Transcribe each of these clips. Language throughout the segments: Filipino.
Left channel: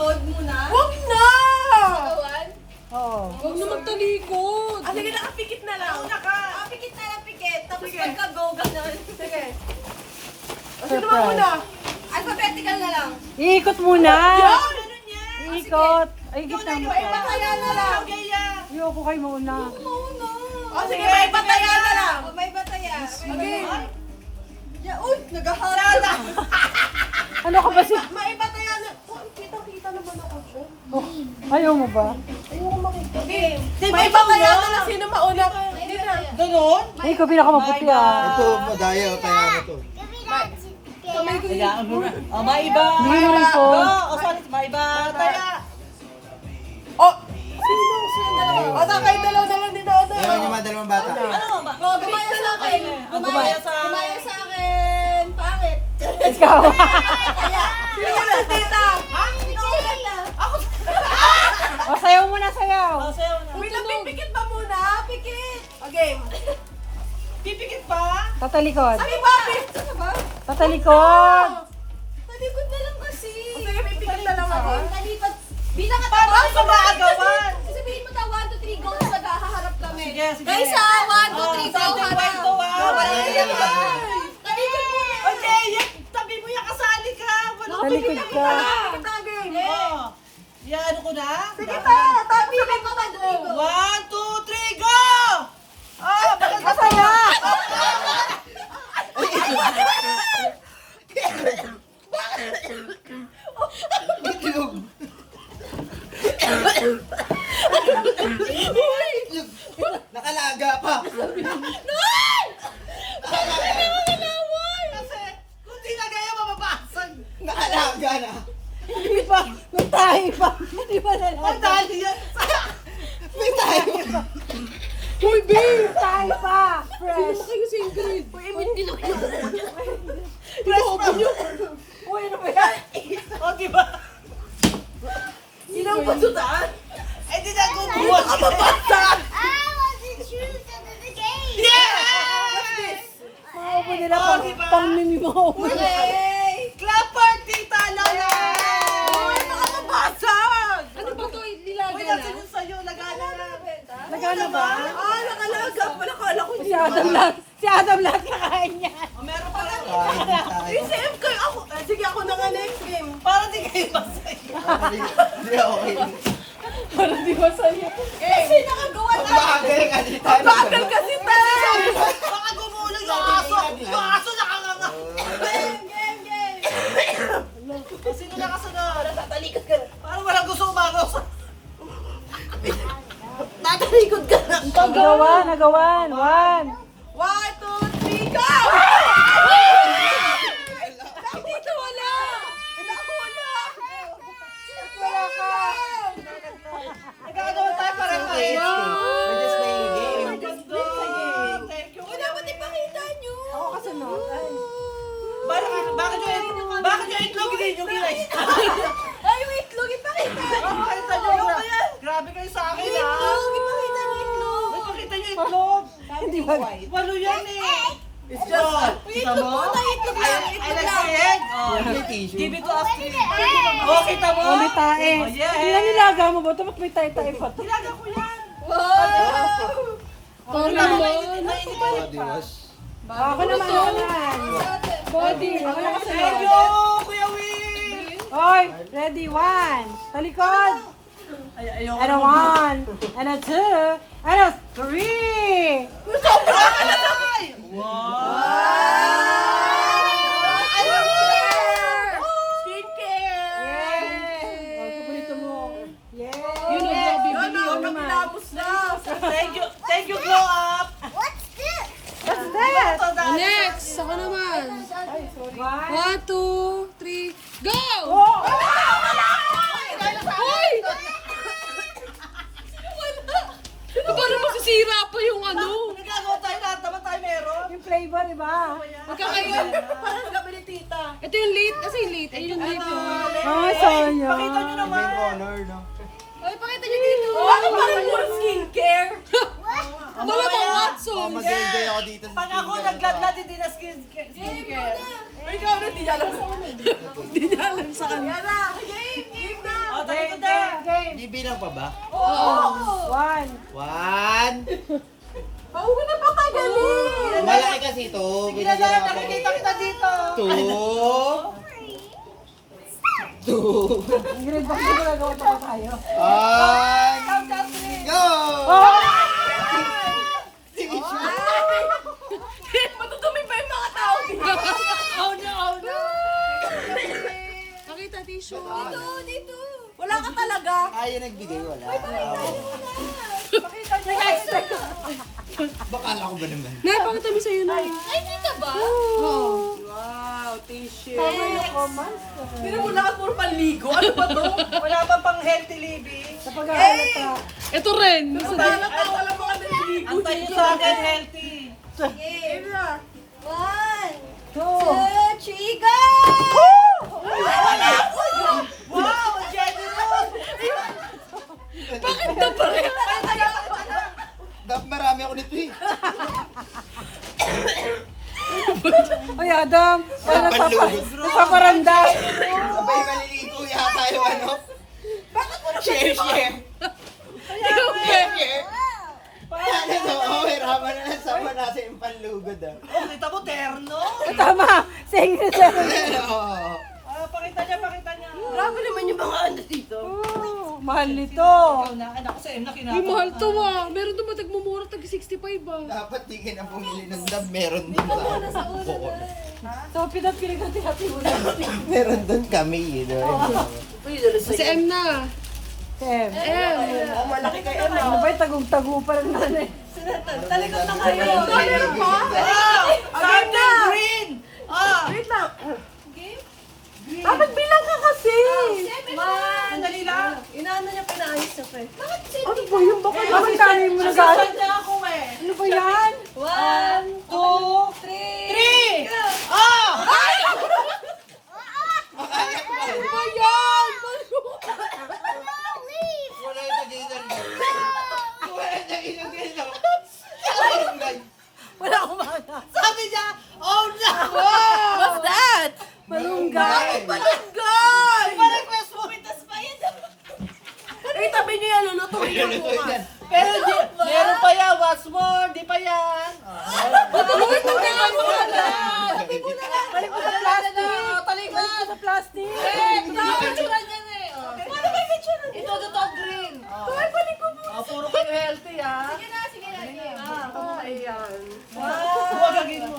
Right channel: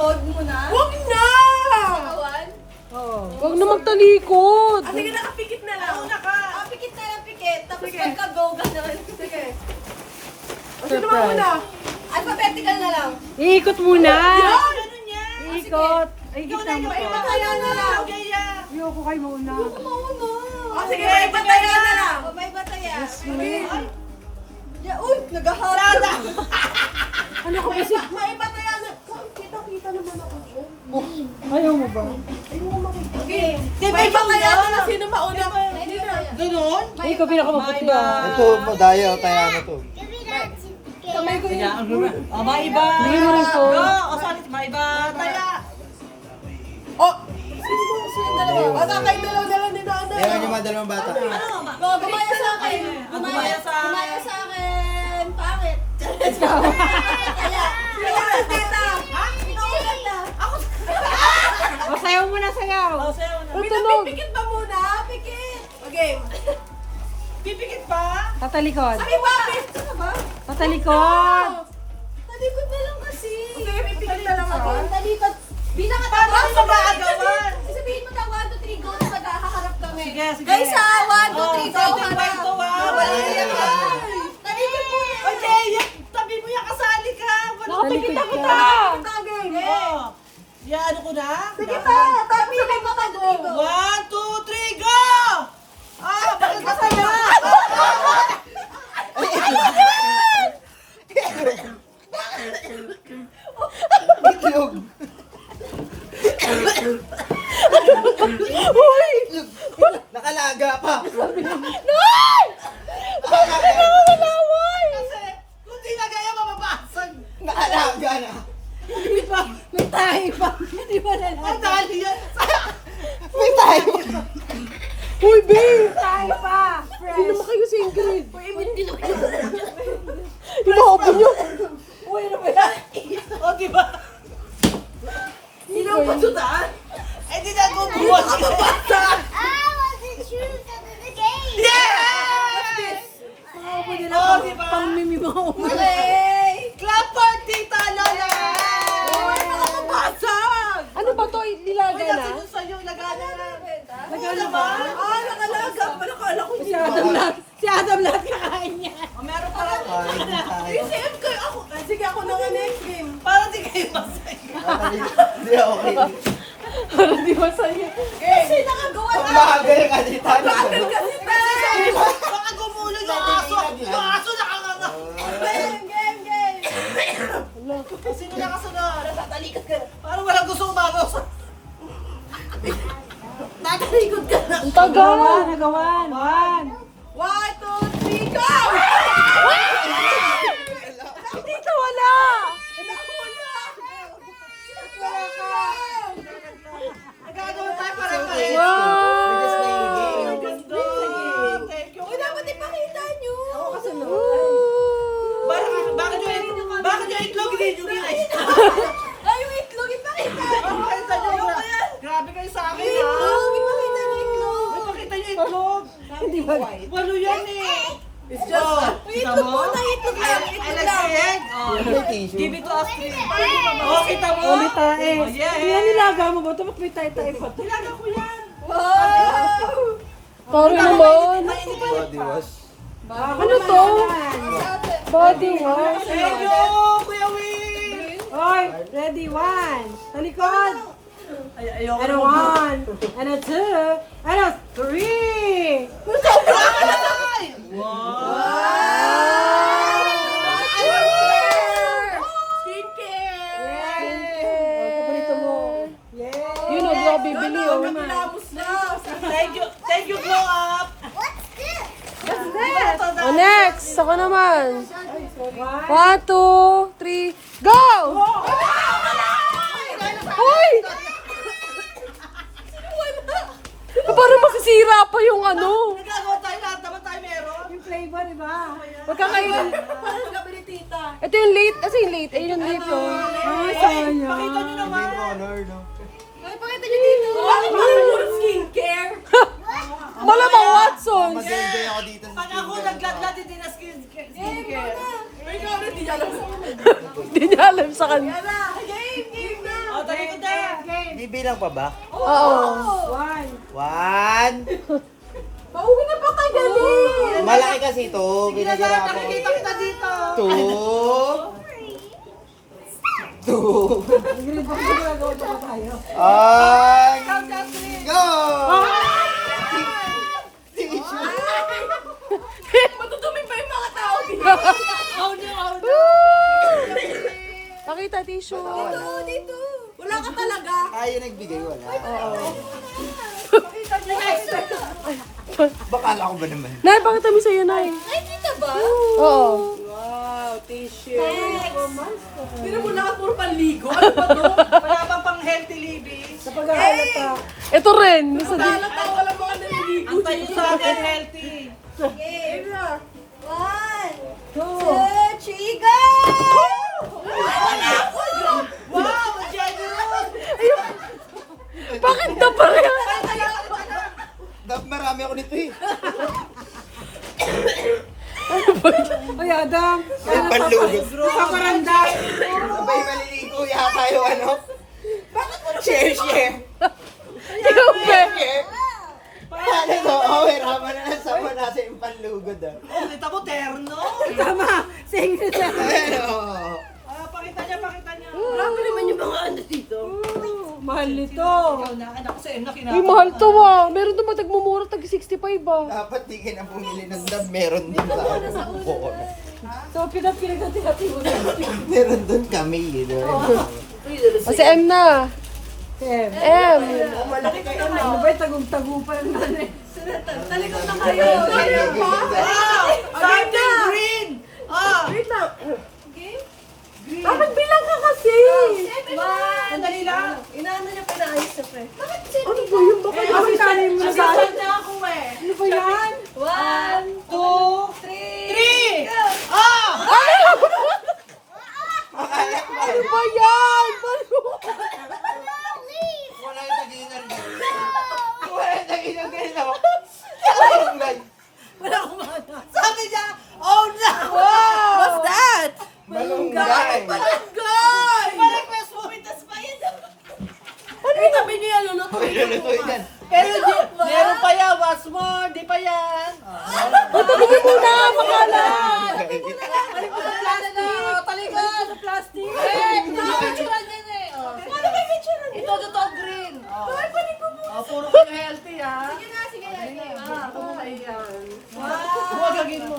Huwag mo na. Huwag na! Kawan? Oo. Huwag na magtalikod. Ah, sige, nakapikit na lang. Una ka. Pikit na lang, pikit. Tapos Sige. pagka-go, ganun. Sige. O, sino ba una? Alphabetical na lang. Iikot muna. Yan! Ganun yan! Iikot. Ay, Ikaw kita na, mo may to. batayan na lang. Okay, yeah. Ayoko kayo mauna. Mauna. O, sige, may batayan na lang. O, may bataya. Okay. Ya, uy, nagahapon. Sada! Ano ka ba si... May batayan na. Oh, kita-kita naman ako dyan. Ayaw mo ba? Ayoko makita. May batayan na lang. Sino mauna? Hindi na. Ganun? Ay, ikaw pinakamabuti na. Ito, madaya o tayo ano to. Kamay ko yun. O, may iba. Hindi mo ito. O, sorry, may iba. Taya. O! O, kayo dalaw-dalaw din ako doon. Ewan niyo mga dalawang bata. Ano ba? O, gumaya sa akin. Gumaya sa- Gumaya sa akin. Pangit. Ikaw. Kaya, sino na tita? Ha? Naulan na. Ako. O, sayaw muna, sayaw. O, sayo na. Wait, pipikit pa muna. Pikit. Okay. Pipikit pa? Tatalikod. Ano ba? Ito na ba? Tatalikod. Talikod na lang kasi. Sige, pipikit na lang ako. Talikod. Bilang ka Paano sa maagawan? Sabihin mo ta 1, 2, 3, go. Tapos maghaharap kami. Sige, sige. Guys, 1, 2, 3, go. Sige, Harap. kwento, Wala yan. Talikod mo. Okay, tabi mo yung kasali ka. Wala ko Talikod kita ka. Oh. Yan, ano ko na? Sige pa. Tabi mo mag-go. 1, 2, 3, go! Oh, bakit masaya? Itlog! Nakalaga pa! Kasi, kung di na gaya, mababasag. Nakalaga na! Hindi ba? May tayo pa. Hindi ba na Ang dali yan. May tayo! Uy, babe! Tayo pa. Fresh. Hindi naman kayo sa Ingrid. Uy, hindi na kayo. Inuopo niyo. Uy, ano ba yan? O, diba? Sino ang pasutaan? Eh, di na kukuha ka mabasag. Yes! Mga nila Oh, pang, diba? pang mimi mga upo. Hey! Clap for Tita Lola! Uy, nakakabasag! Ano ba to? Uy, Nilaga na? nasa yun sa'yo, lagana na. Nagana ba? Ah, nakalaga. Wala kala ko Si Adam lang. Si Adam lang kakain niya. O, meron pa rin. Kain tayo. SM kayo ako. Sige, ako na nga next game. Para di kayo masaya. Hindi okay. Di ba sa'yo? Kasi nakagawa Ang na. bagal ka di tayo. Bagal kasi tayo. Baka gumulong yung aso. Yung aso nakanganga. Game. O, sino nakasunod? Natatalikod ka na. Parang walang gusto umagaw sa... Tatalikod ka na. Nagawan, nagawan. 1. 1, 2, 3, go! Dito wala. Wala ka. Nagagawa tayo parang kayo. We're just playing a game. Thank you. Uy, dapat ipakita nyo. Ako kasunod. Bakit yung itlog hindi nyo ginay? Ay, yung itlog, ipakita. Pakita nyo Ayoko na. yan. Grabe kayo sa akin Yung ha. itlog, ipakita nyo itlog. Pakita nyo itlog. Hindi ba? Walo yan eh. It's just, Kita itlog mo? muna, itlog lang. I Itlog like lang. the egg. Oh, give it to us. Oh, kita mo? Ulit tae. Oh, yeah. Yan nilaga mo ba? Tapos may tayo-tayo pa. Nilaga ko yan. Wow! Sorry naman. Body wash. Ako na to. Body. Thank you, Kuya Will. Oy, ready? 1. Talikod. Ayoko And a 1. And a 2. And a 3. Skincare! Yay! Paborito mo. Yay! Yun o, grabe, bili o naman. Kapilamos na. Thank you, Glow Up. What's that? Oh, Next, ako naman. 1, 2, 3, go! Hoy! Parang masisira pa yung ano. Nagagawa tayo lahat naman tayo meron. Yung flavor, iba. Huwag ka ngayon. Parang gabi ni tita. Ito yung late. Kasi yung late. Ayun yung late yun. Ay, sayang. Pakita nyo Iba naman. yung color, no? Ay, pakita nyo dito. Bakit parang puro skincare? Malamang Watson. Mag-enjoy ako dito sa Pag ako nagladlad, hindi na skincare. Ay, ikaw na, di alam sa akin. Hindi niya alam sa kanya. Yan na, game na. O, Bibilang pa ba? Oo. 1. Pauwi na pa kayo galing. Malaki kasi ito. Sige na, nakikita kita dito. 2. 2. Ingrid, bakit hindi ginagawa pa tayo? On. Go! Matutumi pa yung mga tao dito. Oh no. Pakita tissue. Dito. Wala ka talaga. Ayaw nagbigay, wala. Pakita niyo. Bakala ko ba naman? Nay, pakita mo sa'yo, Nay. Ay, dito ba? Oo. Wow, tissue. Pero wala ka puro panligo. Ano ba to? Wala bang pang healthy living? Sa pag-aaral ka. Ito rin. Wala tao, wala mga naliligo. Ang tayo sa akin healthy. Game. 1, 2, 2. 3, go! Wow, generous. Bakit na pareho? Dapat marami ako nito eh. Ay, Adam. Panlugod. Napaparanda. Sabay maliligo yata yung ano. Share. Paano to? Oh, hirapan na lang sama natin yung panlugod ah. Oh, kita mo terno. Tama. Sa Ingrid. Ano? Pakita niya. Grabe naman yung mga ano dito. Mahal nito. Ikaw na, anak ko sa na Ay, mahal to ah. Meron naman tagmumura, tag 65 ah. Dapat di ka na bumili ng dab. Meron din sa buko. So, pinag-hati-hati mo na. Meron doon kami, yun. Kasi M na. Tem. M. Malaki kayo na. Ano ba yung tagong-tago pa lang nanay? Talikod na kayo. Wow! Something green! Ah! Wait lang. Dapat bilang ka kasi. Sandali lang. Inaano niya pinaayos na pre. Ano ba yun? Baka naman kaya mo na sa Nasaan na ako eh? Ano ba yan? 1, 2, 3! Ah! Ano ba yan? Wala yung tagilan. Wala yung tagilan. Wala akong mana. Sabi niya, oh no! What's that? Malunggay. Barangay! Pa-request mo, itas pa yan. Ay, tabi niya yan, lulutuin ko Lulutuin bukas. yan. Pero meron pa yan, what's more, di pa yan. Matulungin mo na, makala. Talikod sa plastic. Ito ang picturean yan eh. Ano may picture? Ito, green. Ay, balik ko mo. Puro kayo healthy ah. Sige na, sige na. Ayan. Huwag gagin mo.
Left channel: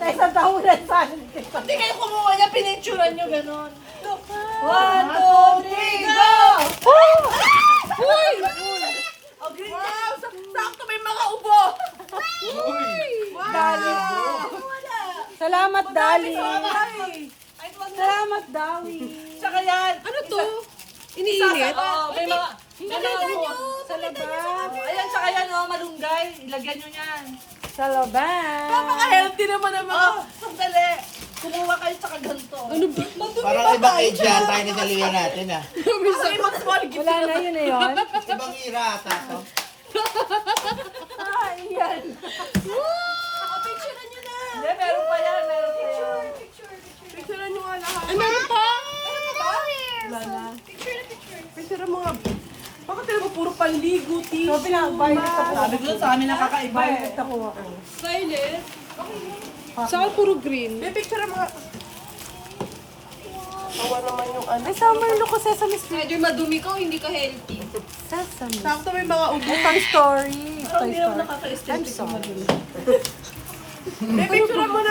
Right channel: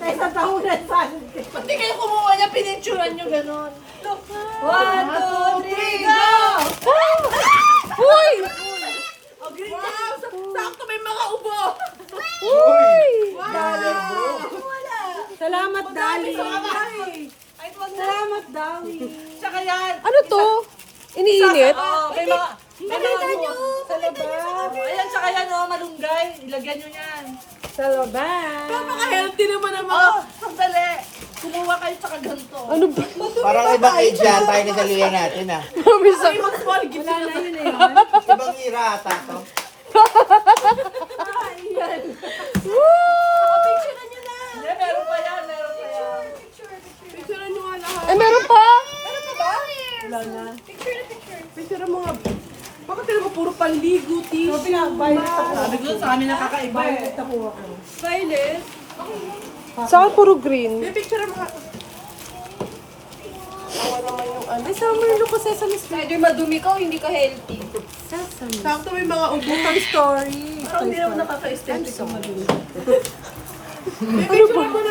Sa isang taon na saan? Pati kayo kumuha niya, pinicturean nyo ganun. 1, 2, 3, go! Uy! Oh, green wow, sakto may mga ubo. Uy! Salamat, Dali. Ay, wag na. Salamat, Dali. Saka yan. Ano to? Iniinit? May mga... May mga Sa labas. Ayan, saka yan oh, malunggay. Ilagyan nyo yan. Sa labas. Napaka-healthy naman ang mga... Oh, sandali. Kumuha kayo sa ganito. Ano ba? Parang ibang age yan tayo na salila natin ah. Ay, mag-small gift Wala na yun na yun. Ibang ira ata to. Picture nyo na. Hindi, meron pa yan, meron pa yan. Picture nyo nga lahat. Ay, meron pa? Wala na. Picture mo nga. Bakit talaga puro panligo, So, tissue? pinag-violet ako. Sabi ko sa amin nakakaiba eh. Violet ako ako. Violet. Saan puro green? May picture mo nga. Awa naman yung ano. Ay, summer look ko Sesame Street. Medyo madumi ka o hindi ka healthy? Sakto may mga ubo. Toy Story. Parang hindi naman nakaka-aesthetic. May picture mo na.